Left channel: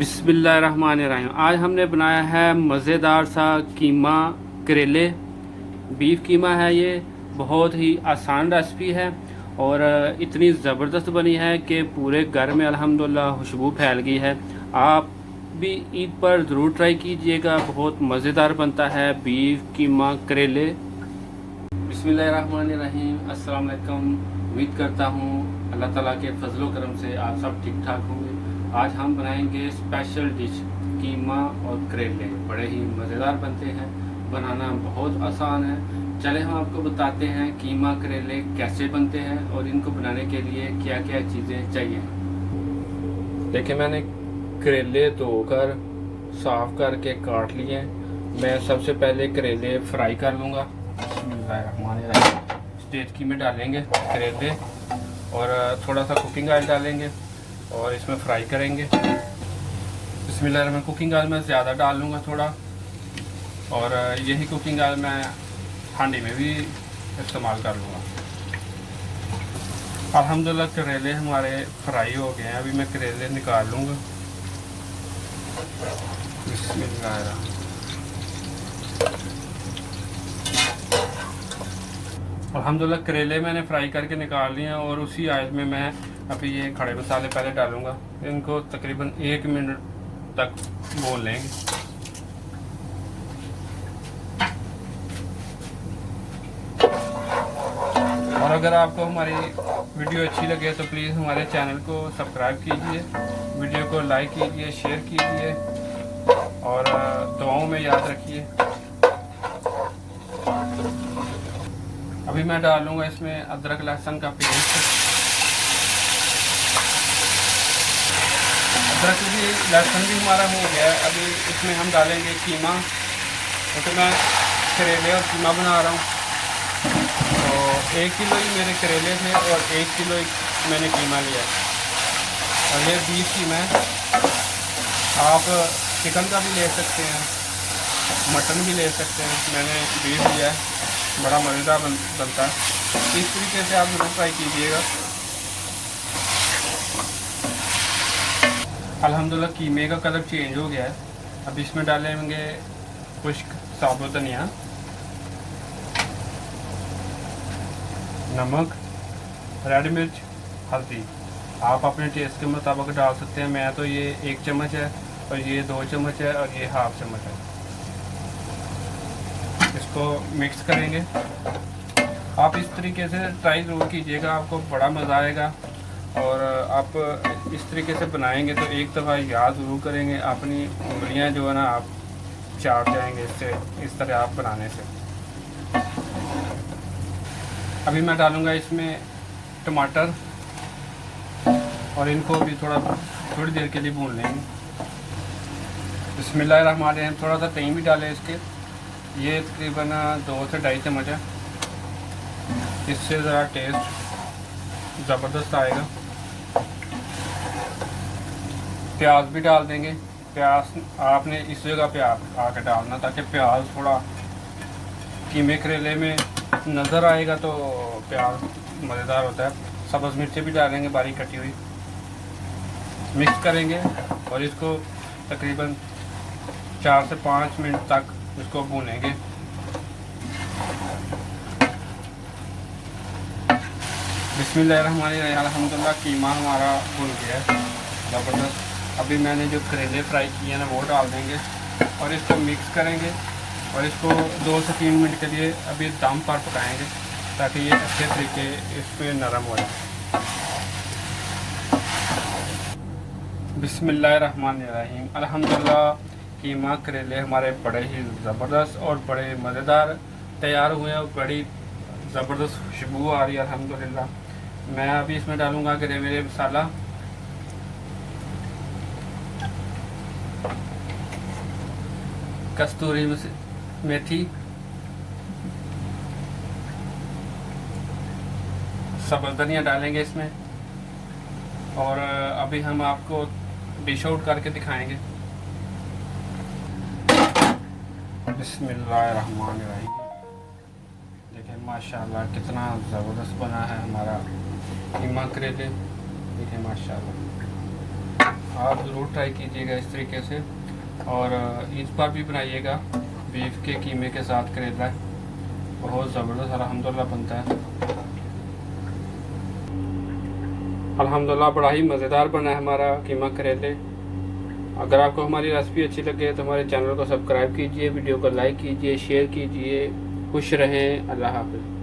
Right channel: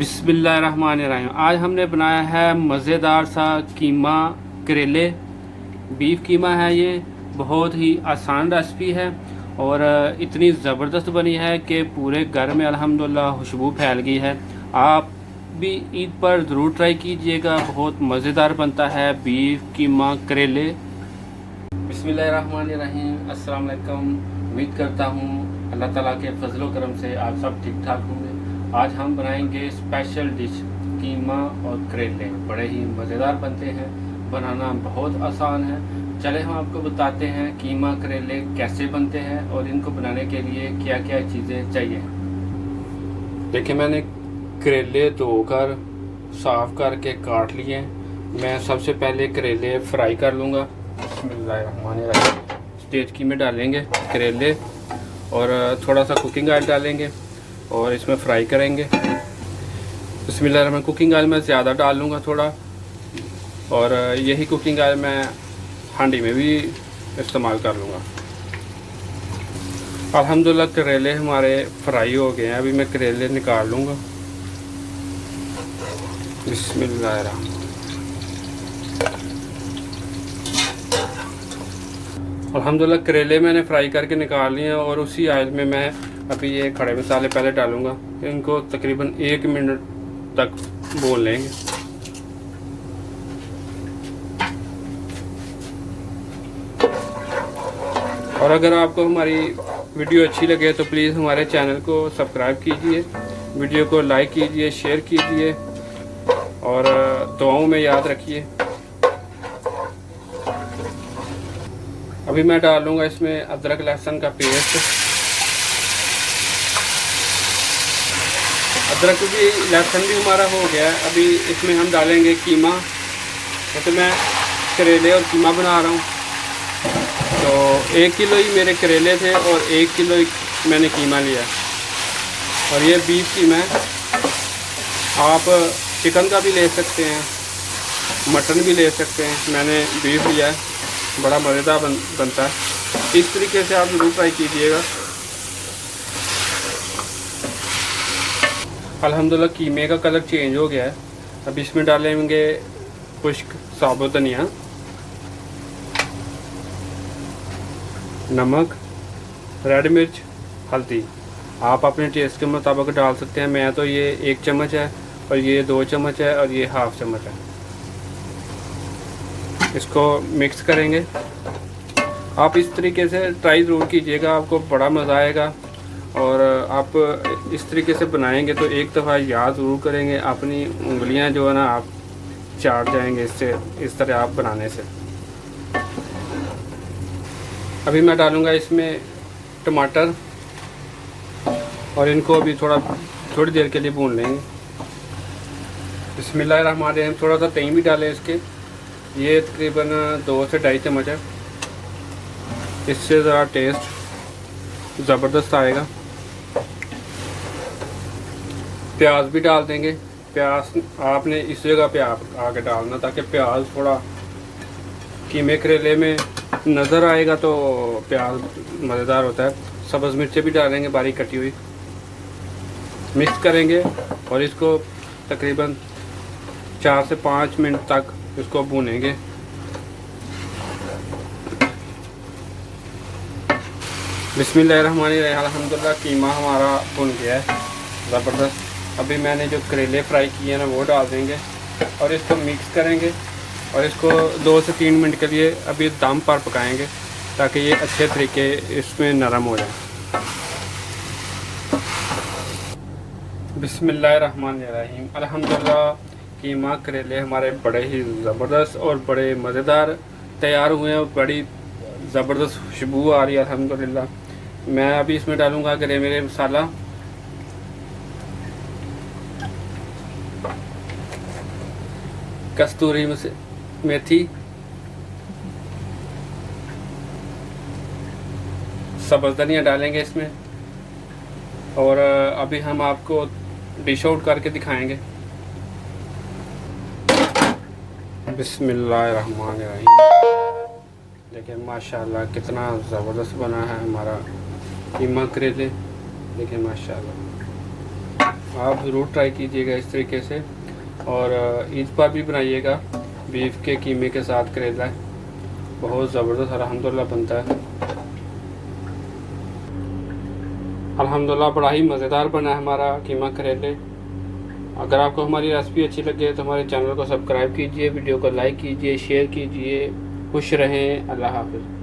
बिस्मिल्लाहिर्रहमानिर्रहीम। आज हमने बनाया है मज़ेदार सा कीमा करेले। बीफ कीमा है ये, बहुत ही आसान रेसिपी है और इतनी ज़बरदस्त बनी है कि पूरे घर में अल्हम्दुलिल्लाह खुशबू फैल गई है। आप भी ईद पर ज़रूर ट्राई कीजिएगा, बहुत मज़ेदार बनता है बीफ कीमा करेले। बिस्मिल्लाहिर्रहमानिर्रहीम। अस्सलाम वालेकुम। उम्मीद करता हूँ अल्लाह ताला के फजलो करम से आप सब ठीक ठाक होंगे। आज हम बनाएंगे स्पेशल डिश कीमा और करेले। बड़े ही मज़ेदार बनते हैं, बनाना बहुत आसान है। चले हम आपको बताते हैं कीमा करेले कैसे बनते हैं और इनको बनाने के लिए क्या क्या चीज़ें चाहिए। देखिए, मैंने करेले धोकर साफ करके काट लिए। मैं सबसे पहले करेले फ्राई कर लूँगा। स्टेज की में डालेंगे करेले और थोड़ा सा कुकिंग ऑयल डालेंगे और इसमें फ्राई करेंगे। बिस्मिल्लाह, मैं कुकिंग ऑयल में ज़्यादा डाल लूँगा थोड़ा, और यही कुकिंग ऑयल मैं हांडी में भी इस्तेमाल कर लूँगा। अल्हम्दुलिल्लाह करेले हमारे फ्राई हो गए हैं। अभी मैं करेले निकाल लूँगा। बिस्मिल्लाह। अल्हम्दुलिल्लाह करेले मैंने फ्राई करके निकाल लिए हैं और उसी ऑयल में मैं अभी ये खड़े मसाले पहले डालूंगा। इनको तकरीबन 1 मिनट तक भून लेंगे। और अगर आपको हमारी वीडियो अच्छी लगे तो प्लीज़ हमारे चैनल को सब्सक्राइब कीजिए, वीडियो को लाइक कीजिए, शेयर कीजिए और दुआओं में याद रखिए। अभी मैं डालूंगा इसमें अदरक लहसुन का पेस्ट। अदरक भी लहसुन भी हमारा हो गया। अभी इसमें हम डालेंगे कीमा। तो मैं करेले और कीमा बना रहा हूँ, तो 1 किलो ही मेरे करेले थे और 1 किलो ही मैंने कीमा लिया। और ये बीफ कीमा है। आप चिकन का भी ले सकते हैं, मटन भी ले सकते हैं। मैंने बीफ लिया है, बड़ा मज़ेदार बनता है। इस तरीके से आप ज़रूर ट्राई कीजिएगा। अल्हम्दुलिल्लाह कीमे का कलर चेंज हो गया है। अब इसमें डालेंगे खुश्क साबुत धनिया, नमक, रेड मिर्च, हल्दी। आप अपने टेस्ट के मुताबिक डाल सकते हैं। मैं तो ये 1 चम्मच है और ये 2 चम्मच है और ये हाफ चम्मच है। इसको मिक्स करेंगे। आप इस तरीके से ट्राई ज़रूर कीजिएगा, आपको बड़ा मज़ा आएगा। और आप इस तरीके से बनाएंगे तो एक दफ़ा याद ज़रूर करेंगे। अपनी उंगलियां जो है ना, आप चाट जाएंगे इससे, इस तरह आप बनाने से। अभी मैं डालूँगा इसमें टमाटर और इनको अभी थोड़ी देर के लिए भून लेंगे। बिस्मिल्लाहिर्रहमानिर्रहीम। थोड़ा सा दही भी डालें इसके। ये तकरीबन 2 से 2.5 चम्मच है। इससे ज़रा टेस्ट ज़बरदस्त आएगा। प्याज भी डाल देंगे। प्याज आपने इस जगह पे आके डालना, ताकि प्याज थोड़ा कीमे करेले में नज़र आएगा तो प्याज मज़ेदार होता है। सब्ज़ मिर्चें भी डालेंगे बारीक कटी हुई। मिक्स करेंगे और इसको तकरीबन 4 से 5 मिनट तक इसको भूनेंगे। बिस्मिल्लाहिर्रहमानिर्रहीम। अल्हम्दुलिल्लाह कीमा हमारा भुन गया है ज़बरदस्त। अभी मैंने जो करेले फ्राई किए हैं ना, वो डाल देंगे और इसको मिक्स करेंगे और इसको 2 से 3 मिनट के लिए अभी दम पर पकाएंगे, ताकि ये अच्छे तरीके इसमें नरम हो जाए। बिस्मिल्लाहिर्रहमानिर्रहीम। अल्हम्दुलिल्लाह कीमा करेले हमारे बड़े ही ज़बरदस्त और बड़े मज़ेदार तैयार हुए हैं। बड़ी ज़बरदस्त खुशबू आ रही है अल्हम्दुलिल्लाह। मैं अभी इसमें डालूँगा गरम मसाला, कस्तूरी मेथी, सब्ज़ धनिया डालेंगे इसमें। और अभी हम आपको डिश आउट करके दिखाएंगे। बिस्मिल्लाहिर्रहमानिर्रहीम। देखिए माशाल्लाह कितना ज़बरदस्त बना है हमारा कीमा करेले। देखिए माशाल्लाह आप ज़रूर ट्राई कीजिएगा इस तरीके से। और ईद पर भी बनाइएगा बीफ के कीमे के साथ करेला, बहुत ज़बरदस्त अल्हम्दुलिल्लाह बनता है। अल्हम्दुलिल्लाह बड़ा ही मज़ेदार बना है हमारा कीमा करेले। अगर आपको हमारी रेसिपी अच्छी लगे तो हमारे चैनल को सब्सक्राइब कीजिए, वीडियो को लाइक कीजिए, शेयर कीजिए। खुश रहें, अल्लाह हाफ़िज़।